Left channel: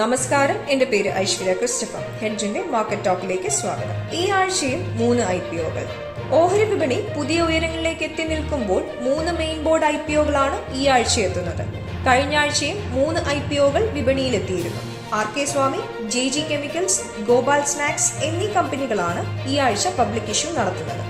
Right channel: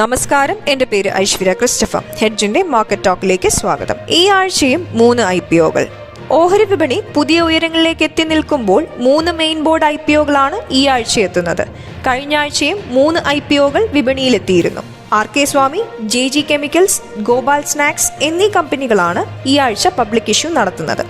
നമസ്കാരം. എന്റെ പേര് ഐശ്വര്യ ക്രിസ്റ്റഫ ഹെഡ്ജിന്റെ മാർക്കറ്റ് ടോക്കിലേക്ക് സ്വാഗതം. ഈ ആഴ്ചയും മൂന്ന് ഐ പി ഒകൾ. ഓഹരി വിപണി പുതിയ ഉയരങ്ങളിലേക്ക് എത്തി നിൽക്കുമ്പോൾ മൂന്ന് മെയിൻ ബോർഡ് ഐ പി ഒകളാണ് ഈ ആഴ്ച എത്തുന്നത്. കഴിഞ്ഞ ആഴ്ചയും മൂന്ന് ഐ പി ഒകൾ വിപണിയിലെത്തിയിരുന്നു. R K Swamy J G chemicals Gopal snacks എന്നീ കമ്പനികളാണ് ഈ ആഴ്ച പബ്ലിക് ഇഷ്യൂ നടത്തുന്നത്.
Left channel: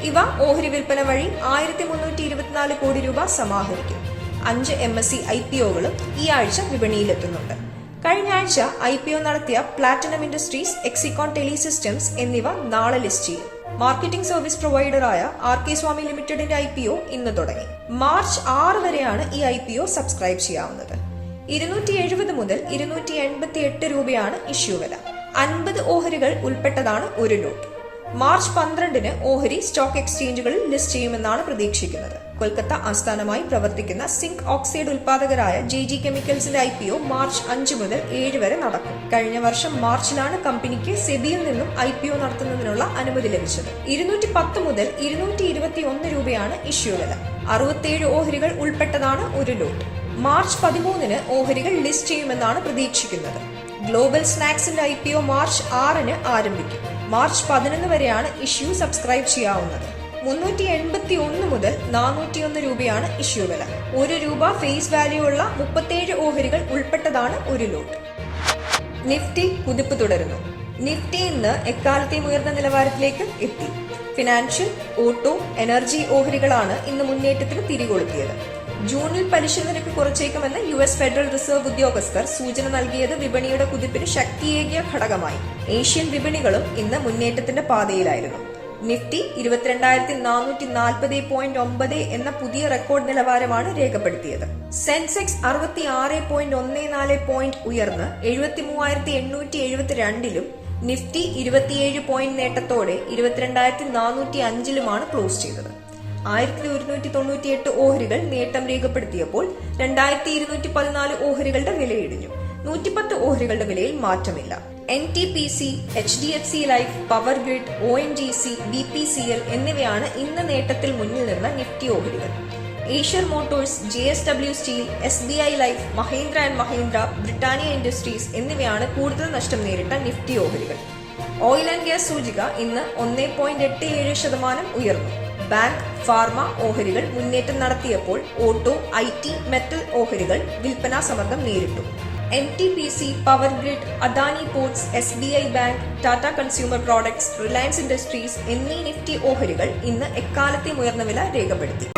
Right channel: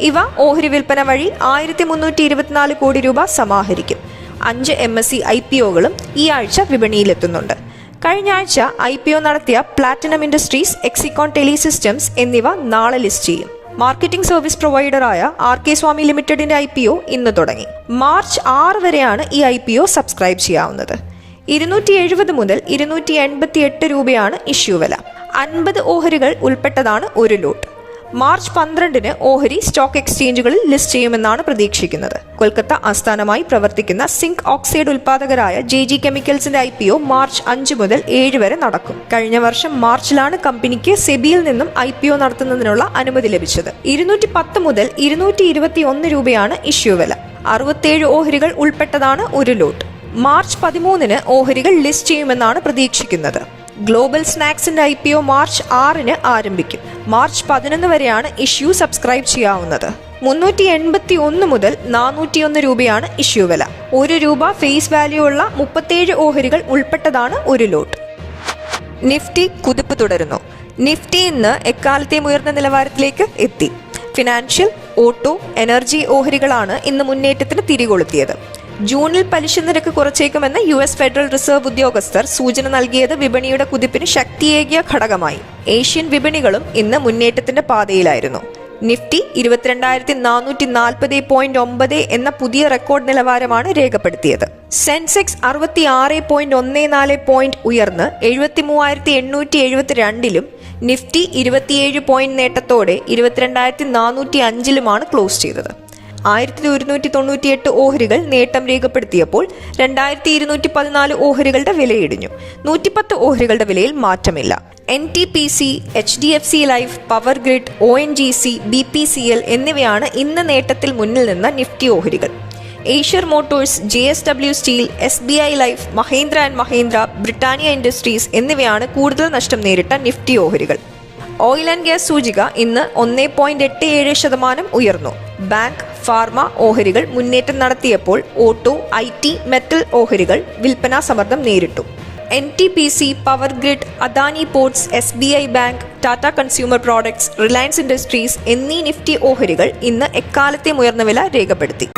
ഇവ ഓഹരി വിൽപ്പന വഴി ആയിരത്തി മുന്നൂറ്റി ഇരുപത്തിനാല് കോടി രൂപ സമാഹരിക്കും. അഞ്ച് M S C I P ഒകളും ഈ ആഴ്ച വിപണിയിലെത്തുന്നുണ്ട്. കഴിഞ്ഞ ആഴ്ച ഐ പി ഒ നടത്തിയ പ്ലാറ്റിനം ഇൻഡസ്ട്രീസ് എക്സിക്കോൺ ടെലിസിസ്റ്റംസ് എന്നിവ നാളെ ലിസ്റ്റ് ചെയ്യും. മാർക്കറ്റിംഗ് സർവീസ് പ്രൊവൈഡറായ ആർ കെ സ്വാമി ലിമിറ്റഡിന്റെ ഐ പി ഒ ഇന്ന് തുടങ്ങി. മാർച്ച് ആറ് വരെയാണ് ഈ ഐ പി ഒ സബ്സ്ക്രൈബ് ചെയ്യാവുന്നത്. ഇരുന്നൂറ്റി എഴുപത് മുതൽ ഇരുന്നൂറ്റി എൺപത്തി എട്ട് രൂപയാണ് ഇഷ്യൂ വില. അൻപത് ഓഹരികൾ ഉൾപ്പെട്ടതാണ് ഒരു ലോട്ട് മാർച്ച് പന്ത്രണ്ടിന് ഓഹരി സ്റ്റോക്ക് എക്സ്ചേഞ്ചുകളിൽ ലിസ്റ്റ് ചെയ്യുമെന്നാണ് പ്രതീക്ഷിക്കുന്നത്. കൊൽക്കത്ത ആസ്ഥാനമായി പ്രവർത്തിക്കുന്ന സിങ്ക് ഓക്സൈഡ് ഉൽപാദകരായ ജെ ജി കെമിക്കൽസിന്റെ ഐ പി ഒ മാർച്ച് അഞ്ച് മുതൽ ഏഴ് വരെ നടക്കും. കഴിഞ്ഞ വർഷം മാർച്ചിലാണ് കമ്പനിക്ക് സെബിയിൽ നിന്നും ഐ പി ഒ നടത്തുന്നതിനുള്ള അനുമതി ലഭിച്ചത്. ഇരുന്നൂറ്റി പത്ത് മുതൽ ഇരുന്നൂറ്റി ഇരുപത്തി ഒന്ന് രൂപയാണ് ഇഷ്യൂ വില. അറുപത്തേഴ് ഓഹരികൾ ഉൾപ്പെട്ടതാണ് ഒരു ലോട്ട്. മാർച്ച് പതിമൂന്നിന് ഓഹരികൾ ലിസ്റ്റ് ചെയ്യുമെന്നാണ് പ്രതീക്ഷിക്കുന്നത്. ഗ്ലോബൽ സ്നാക്സിന്റെ ഐ പി ഒ മാർച്ച് ആറിന് ആരംഭിക്കും. മാർച്ച് പതിനൊന്ന് വരെയാണ് ഇഷ്യൂ സബ്സ്ക്രൈബ് ചെയ്യാവുന്നത്. മുന്നൂറ്റി എൺപത്തി ഒന്ന് മുതൽ നാനൂറ്റിയൊന്ന് രൂപയാണ് ഇഷ്യൂ വില. ഒരു രൂപ ഫേസ് വാല്യൂ ഉള്ള മുപ്പത്തേഴ് ഓഹരികൾ ഉൾപ്പെട്ടതാണ് ഒരു ലോട്ട്. നിഫ്റ്റി കുതിപ്പ് തുടരുന്നു. നിഫ്റ്റി ഇന്ന് എക്കാലത്തെയും ഉയർന്ന നിലവാരത്തിലേക്ക് എത്തി. ഫിനാൻഷ്യൽ ഓട്ടോ എനർജി ഓഹരികളാണ് ഇന്ന് മുന്നേറ്റത്തിന് തിരികൊളുത്തിയത്. ജൂണിൽ പലിശ നിരക്ക് കുറച്ചേക്കുമെന്ന് യു എസ് ഫെഡറൽ റിസർവ് ഉദ്യോഗസ്ഥർ സൂചന നൽകിയത് വിപണിയുടെ കുതിപ്പിന് ശക്തിയേകിയ ഘടകമായി. ഏഷ്യൻ വിപണികളും ഇന്ന് മുന്നേറ്റത്തിന്റെ പാതയിലായിരുന്നു. നിഫ്റ്റി ഇരുപത്തിരണ്ടായിരത്തി നാനൂറ്റി നാൽപ്പത് പോയിന്റ് ഒമ്പത് എന്ന പുതിയ റെക്കോർഡ് നിലവാരമാണ് രേഖപ്പെടുത്തിയത്. സെൻസെക്സ് അറുപത്തി ആറ് പോയിന്റ് ഒന്ന് നാല് പോയിന്റ് ഉയർന്ന് എഴുപത്തി മൂവായിരത്തി എണ്ണൂറ്റി എഴുപത്തി രണ്ടിലും നിഫ്റ്റി ഇരുപത്തിയേഴ് പോയിന്റ് നേട്ടത്തോടെ ഇരുപത്തിരണ്ടായിരത്തി നാനൂറ്റി അഞ്ചിലുമാണ് ക്ലോസ് ചെയ്തത്. ആയിരത്തി ഒരുന്നൂറ്റി തൊണ്ണൂറ്റി എട്ട് ഓഹരികൾ നേട്ടം രേഖപ്പെടുത്തിയപ്പോൾ രണ്ടായിരത്തി ഇരുന്നൂറ്റി പതിനാല് ഓഹരികളുടെ വിലയിടിഞ്ഞു. നൂറ്റിപ്പത്ത് ഓഹരികളുടെ വിലയിൽ മാറ്റമില്ല. N T P C H D F C life power grid O N G C B P C L എന്നിവയാണ് ഇന്ന് നേട്ടത്തിൽ മുന്നിൽ നിന്ന നിഫ്റ്റി ഓഹരികൾ. Eicher motors J S W steel S B I life Mahindra and Mahindra Britannia industries എന്നിവയാണ് കൂടുതൽ നഷ്ടം നേരിട്ട നിഫ്റ്റി ഓഹരികൾ. ഓയിൽ ആൻഡ് ഗ്യാസ് സൂചിക ഇന്ന് ഒന്നേ പോയിന്റ് എട്ട് ഏഴ് ശതമാനം ഉയർന്നു. ബാങ്ക് ഫാർമ ഓഹരികൾ മുന്നേറ്റം നടത്തിയപ്പോൾ ഓട്ടോ ഐ ടി മെറ്റൽ ഓഹരികൾ വിൽപ്പനാ സമ്മർദ്ദം നേരിട്ടു. N T P C power grid Adani ports S B I bank Tata consumer products Reliance industries എന്നീ നിഫ്റ്റി ഓഹരികൾ ഇന്ന് എക്കാലത്തെ ഉയർന്ന വില രേഖപ്പെടുത്തി.